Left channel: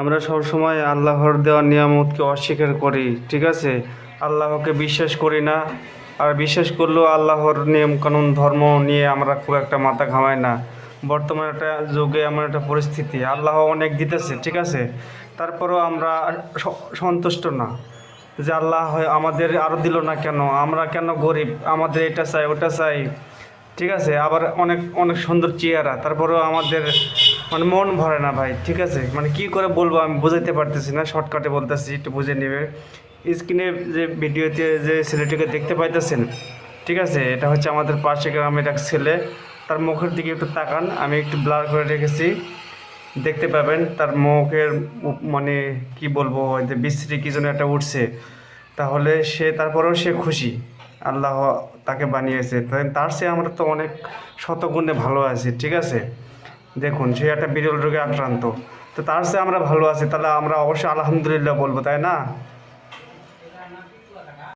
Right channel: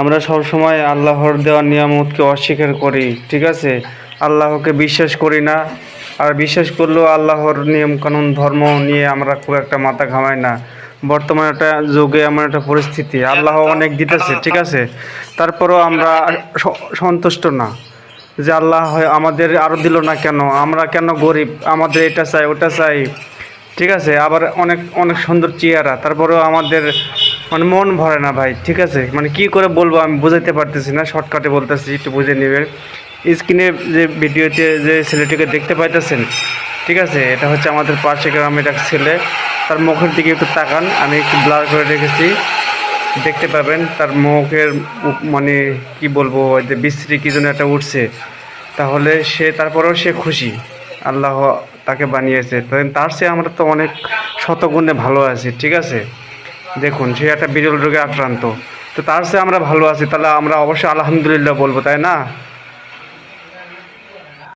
আমরা সবসময় আল্লাহর দেওয়া নিয়ামতকে অস্বীকার করি, ঠিক আছে? আল্লাহকে বিশ্বাস করি না। আর বিশ্বাস করলেও আল্লাহর নিয়মকানুন ধর্ম নিয়ে আমরা খুব একটা মাথা ঘামাই না। বর্তমানে একটা যুগে এমন একটা পরিস্থিতি, আল্লাহ অনেক দিতেছে, ঠিক আছে, তারপরেও আমরা সন্তুষ্ট না। যে আল্লাহ হয় আমাদের আরও দিল না কেন, আমরা কেন গরিব, আমাদের এটা চাই ওটা চাই, ঠিক আছে, আবার অনেক অনেক সুন্দর চেহারা, তারপরেও আমাদের মানে মন ভরে না ভাই, ঠিক আছে? মানে কি করে বলবো আমি বুঝাইতে পারতেছি না, শর্টকাটে বলতেছি, একটু বুঝে নেবেন। স্ক্রিনে যে ভিডিওতে যে ছেলেটিকে দেখতে পাইতেছেন, ঠিক আছে, এটা হচ্ছে আমাদের পাশে গ্রামের এক ছেলে। তার মুখের দিকে একটু তাকান, আমি একটু ব্লার করে রেখেছি, দেখতে পাবেন তার মুখের মানে কি বলবো, ওই যে বিশ্রী কি যেন একটা উঠছে। তাহলে সে তারপরেও সে খুশি, আল্লাহ তাকে বানিয়েছে, তার চেয়ে আমরা তো অনেক শতগুণে ভালো আছি, ঠিক আছে? দেখুন সে একটা বিরল রোগে আক্রান্ত, তো তার চেয়ে আমরা ভালো আছি, তাহলে আমরা অবশ্যই আলহামদুলিল্লাহ বলবো, তাই না?